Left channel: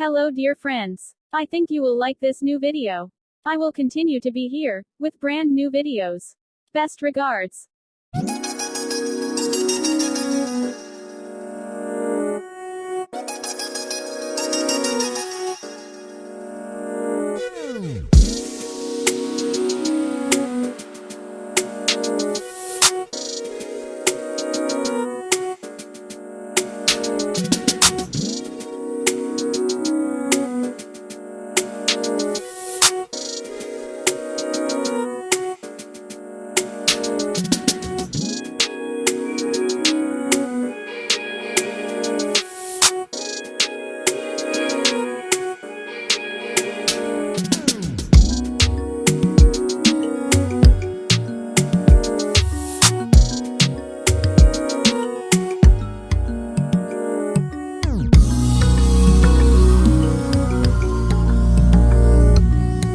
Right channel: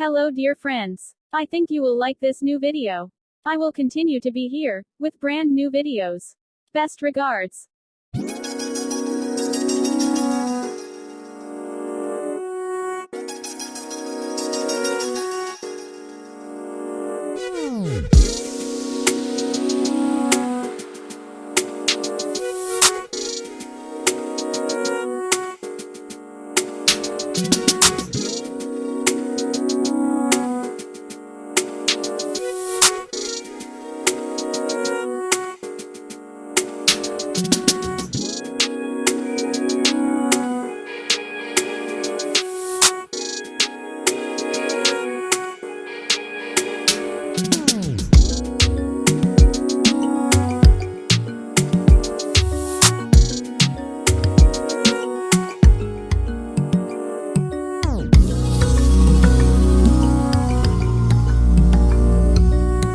Hello dear friends. I think you will like this new video. I will continue to be here, with brand new videos. Best regards.